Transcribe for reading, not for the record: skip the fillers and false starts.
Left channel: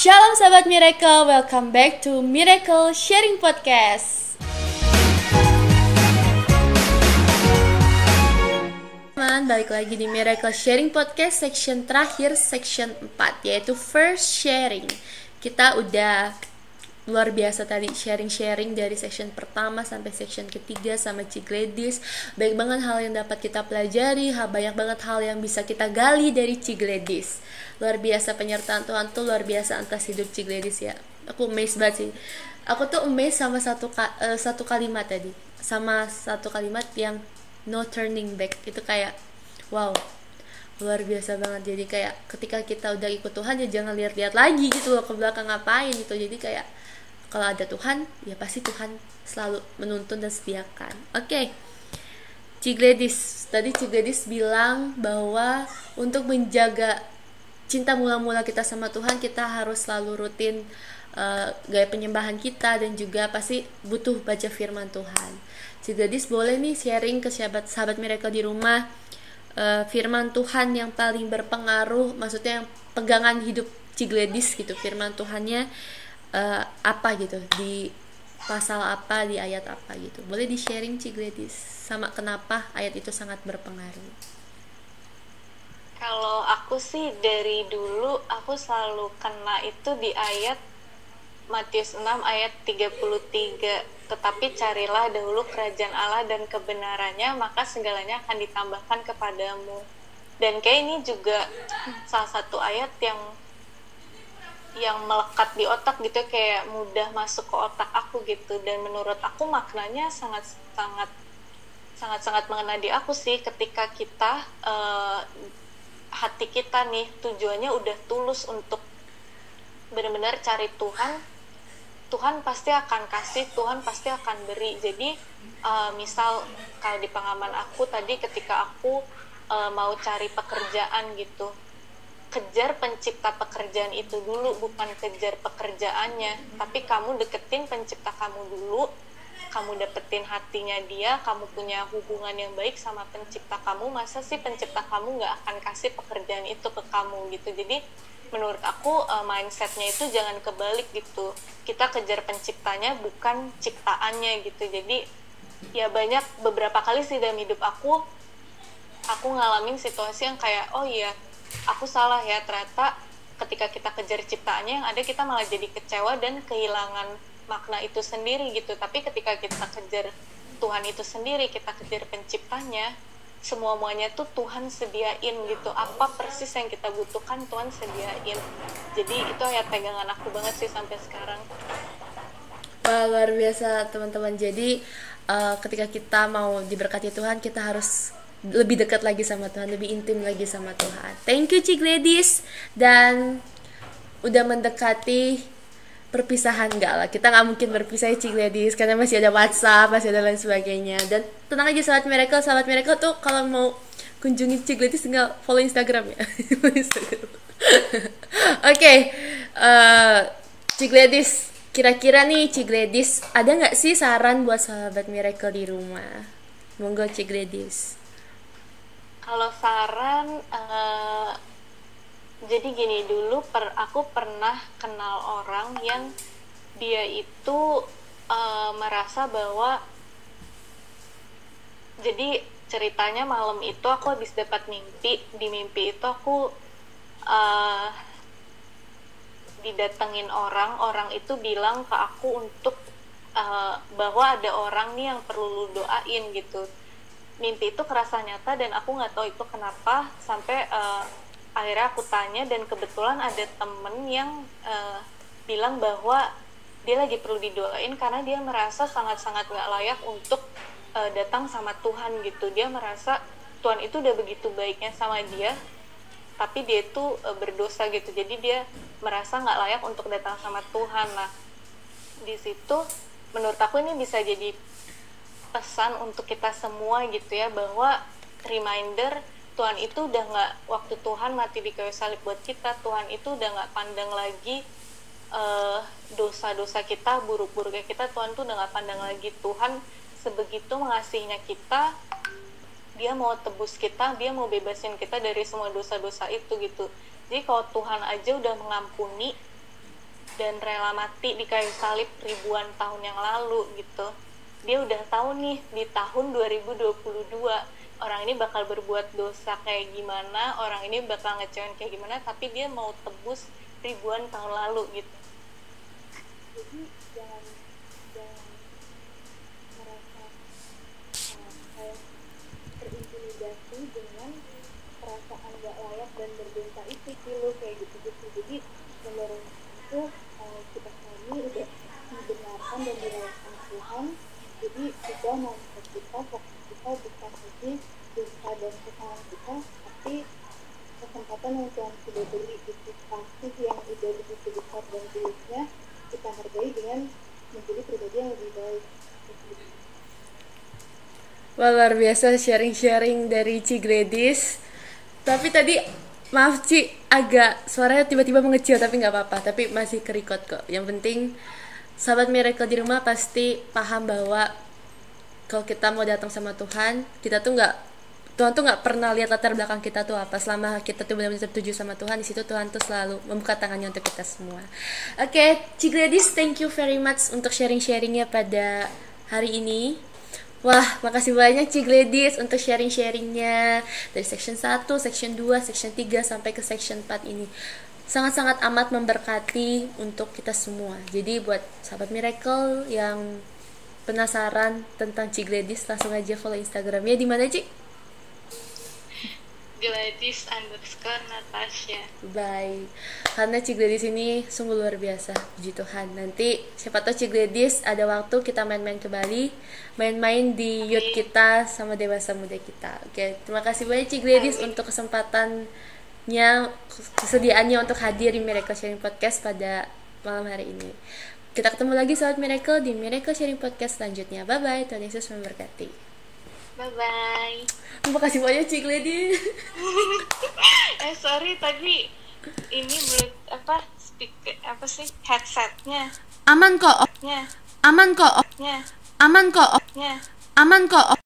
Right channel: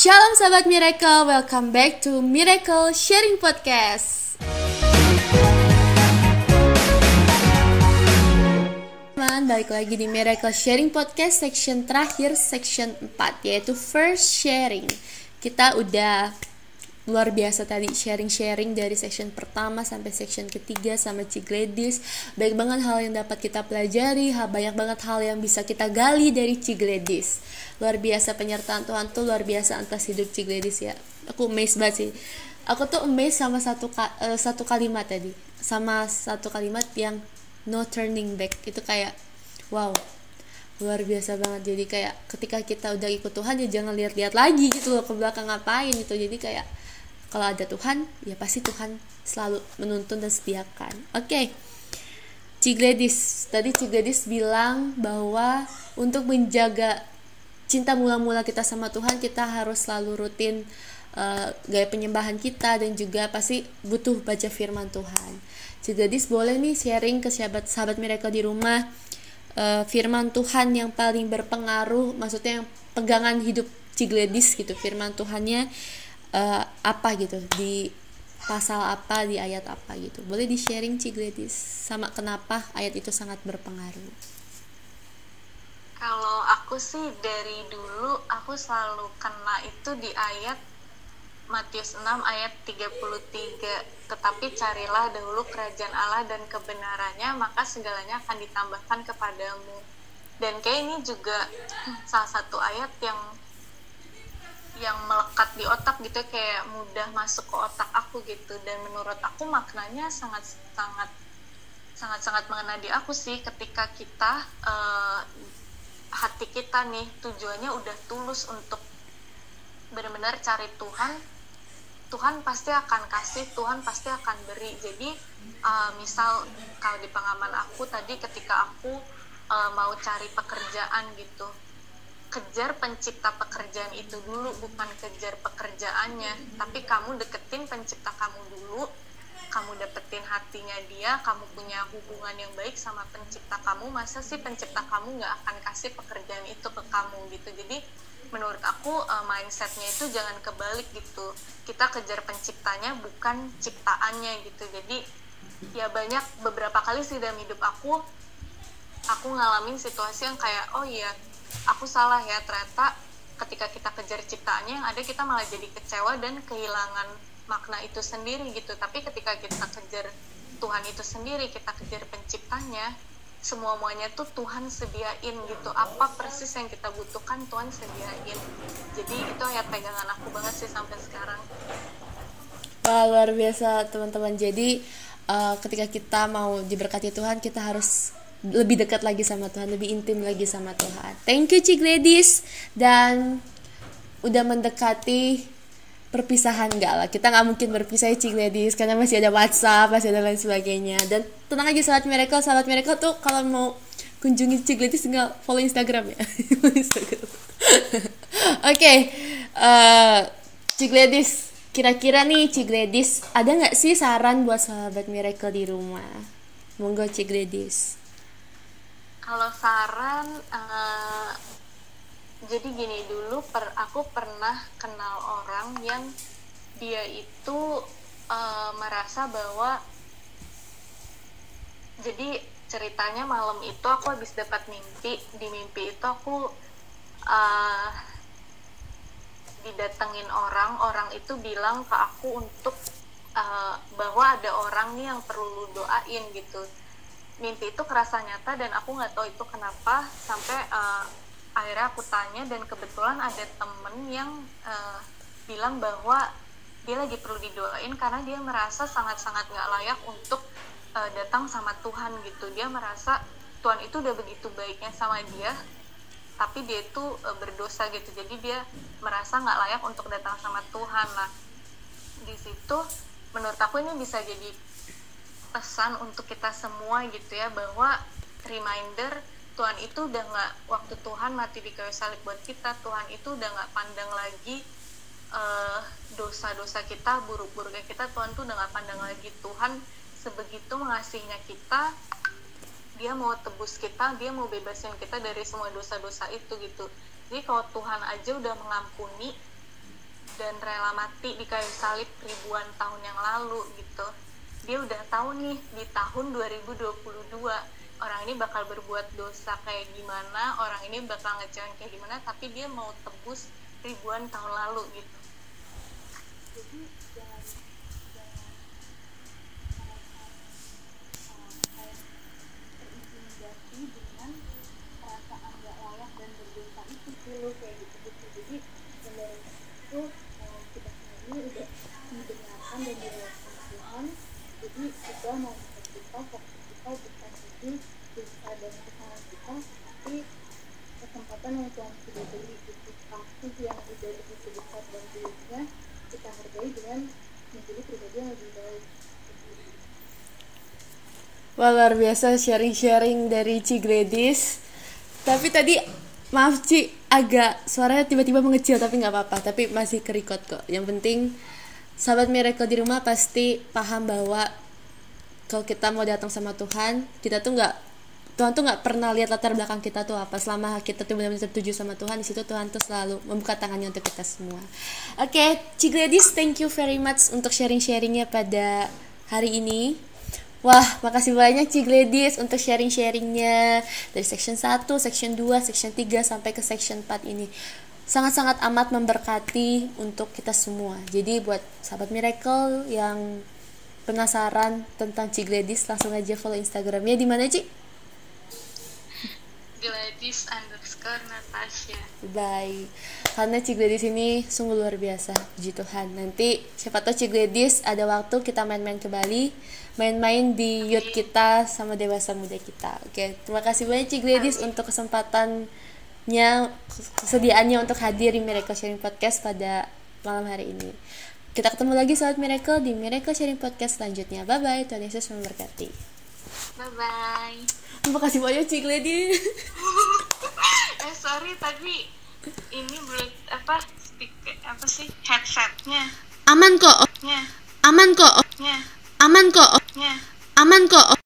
Shalom sahabat Miracle, welcome back to Miracle Sharing Podcast. Teman, balik lagi di Miracle Sharing Podcast section terakhir, section 4, yaitu first sharing. Kita udah luar biasa tadi sharing-sharing dari section pertama sampai section ketiga sama Ci Gladys. Banyak banget hal yang dapat kita pelajari, banyak banget hal yang bisa kita gali dari Ci Gladys. Luar biasa penyertaan Tuhan tuh, luar biasa atas hidup Ci Gladys ya. Aku amazed banget sih. Aku tuh amazed sama satu kalimat tadi, sama satu kalimat yang no turning back. Itu kayak wow, luar biasa banget. Jadi kayak ketika kita udah ikut Tuhan ya jangan lihat-lihat lagi gitu loh ke belakang ngapain gitu. Jadi kayak kalau ada Tuhan, ya pasti Tuhan selalu menuntun dan sediakan. Oke. Ci Gladys, tadi Ci Gladys bilang bahwa untuk menjaga cinta mula-mula kita sama Tuhan, kita harus selalu rutin gaya penyembahan kita, dan juga pasti butuh baca firman Tuhan. Ci Gladys boleh nih sharing ke sahabat Miracle di rumah firman Tuhan yang paling berpengaruh, maksudnya yang pegangan hidup Ci Gladys gitu, firman Tuhannya apa gitu, di pasal apa, di ayat apa gitu. Boleh di sharing Ci Gladys, sama kenapa ayat itu sangat berpengaruh. Kalau aku sih dari dulu aku selalu kena itu di ayat Matius 6 ayat 33. Tetapi carilah dahulu kerajaan Allah dan kebenarannya, maka segalanya akan ditambahkan kepadamu. Dan kayak ini juga salah satu ayat yang melekat di otak gitu, kayak mudah masuk ke otak aku gitu. Dan menurut aku maknanya sangat mengena di aku sih, ketika kita hati kita nih tujuannya udah tulus untuk benar-benar cari Tuhan. Tuhan pasti akan kasih, Tuhan pasti akan beri. Jadi misal kalau di pengalaman aku tadi, ketika aku mau cari pekerjaan gitu, kejar pencipta pekerjaan itu dulu, bukan kejar pekerjaannya. Tapi kamu deketin pencipta kamu dulu, kamu dapetin hatinya dia, kamu punya hubungan yang baik sama pencipta kamu. Masa sih pencipta kamu gak akan kasih pekerjaan itu ke kamu gitu. Jadi menurut aku mindsetnya itu jangan kebalik gitu, kita kejar penciptanya bukan ciptaannya gitu. Jadi ya beberapa kali sih dalam hidup aku ngalamin situasi yang kayak oh iya aku salah ya, ternyata ketika kita kejar ciptaannya yang ada kita malah jadi kecewa dan kehilangan makna itu sendiri gitu. Tapi ketika kita kejar Tuhan itu sendiri, kita kejar penciptanya, semuanya tuh Tuhan sediain gitu. Apa persis yang kita butuhkan Tuhan sediain. Jadi itu ayat pegangan aku banget sih sampai sekarang. Wah, luar biasa teman-teman. Jadi ketika kita mau diberkati Tuhan, kita harus lebih dekat lagi sama Tuhan, lebih intim lagi sama Tuhan. Thank you Ci Gladys. Dan udah mendekati perpisahan, enggak lah, kita nggak mungkin berpisah Ci Gladys, karena masih ada WhatsApp, masih ada lain sebagainya. Dan tenang aja sahabat Miracle tuh kalau mau kunjungi Ci Gladys tinggal follow Instagram ya. Oke, Ci Gladys, kira-kira nih Ci Gladys ada nggak sih saran buat sahabat Miracle di rumah? Monggo Ci Gladys. Kalau saran, jadi gini, dulu aku pernah kenal orang yang dia itu merasa bahwa, jadi ceritanya malam itu aku habis dapat mimpi. Di mimpi itu aku didatengin orang itu bilang ke aku untuk bahwa ada orang nih yang perlu lu doain gitu. Mimpi itu kerasa nyata dan aku nggak tahu itu kenapa, sampai akhirnya aku tanya, dan kebetulan ada temen yang bilang bahwa dia lagi perlu didoain karena dia merasa sangat-sangat nggak layak untuk datang sama Tuhan gitu. Dia merasa Tuhan itu udah begitu baiknya sama dia, tapi dia itu berdosa gitu. Jadi dia merasa nggak layak untuk datang sama Tuhan. Nah, di situ menurut aku ini bisa jadi pesan untuk kita semua gitu ya, bahwa reminder Tuhan itu udah nggak, waktu Tuhan mati di kayu salib buat kita, Tuhan itu udah nggak pandang lagi dosa-dosa kita, buruk-buruknya kita. Tuhan tuh udah nggak pandang lagi. Tuhan sebegitu mengasihinya kita, dia mau tebus kita, dia mau bebasin kita dari semua dosa-dosa itu gitu. Jadi kalau Tuhan aja udah mengampuni, dan rela mati di kayu salib ribuan tahun yang lalu gitu. Dia udah tahu nih di tahun 2022 orang ini bakal berbuat dosa kayak gimana, orang ini bakal ngecewain kayak gimana, tapi dia mau tebus ribuan tahun lalu gitu. Jadi jangan merasa kayak terintimidasi dengan perasaan gak layak dan berdosa itu sih lo kayak gitu. Jadi menurut itu kita ini udah dibenarkan dan dilakukan Tuhan. Jadi kita mau kita fokus kita bisa jadi dosa dan kesalahan kita, tapi kesempatan yang Tuhan sudah beri itu kasih yang udah begitu besar dan tulusnya kita hargai dengan menjadi pribadi yang lebih baik. Wah, luar biasa sharing-sharing dari Ci Gladys. Tapi tadi maaf Ci, agak suaranya tiba-tiba mengecil, tapi nggak apa-apa, tapi masih ke-record kok. Yang penting sahabat Miracle di rumah pasti paham bahwa kalau kita mau datang sama Tuhan, Tuhan tuh nggak pernah lihat latar belakang kita tuh apa. Selama kita tuh benar-benar tertuju sama Tuhan, di situ Tuhan tuh selalu membuka tangannya untuk kita semua. Oke, Ci Gladys, thank you very much untuk sharing-sharingnya pada hari ini. Wah, makasih banyak Ci Gladys untuk sharing-sharingnya dari section 1, section 2, section 3 sampai ke section 4 ini. Sangat-sangat amat memberkati untuk kita semua. Jadi buat sahabat Miracle yang penasaran tentang Ci Gladys, langsung aja follow Instagramnya. Di mana Ci? Gladys_Natasha. Bye. Karena Ci Gladys ini sungguh luar biasa, puji Tuhan. Nanti siapa tahu Ci Gladys ada waktu kita main-main ke Bali, main-main di youth kita sama dewasa muda kita. Oke, terima kasih banyak Ci Gladys untuk kesediaannya untuk hadir di Miracle Sharing Podcast pada malam hari ini. Kita ketemu lagi sahabat Miracle di Miracle Sharing Podcast selanjutnya. Bye bye, Tuhan Yesus memberkati. Bye bye. Terima kasih banyak Ci Gladys. Sorry tadi ini belum headsetnya. Aman kok. Nya. Aman kok. Nya. Aman kok. Nya. Aman kok.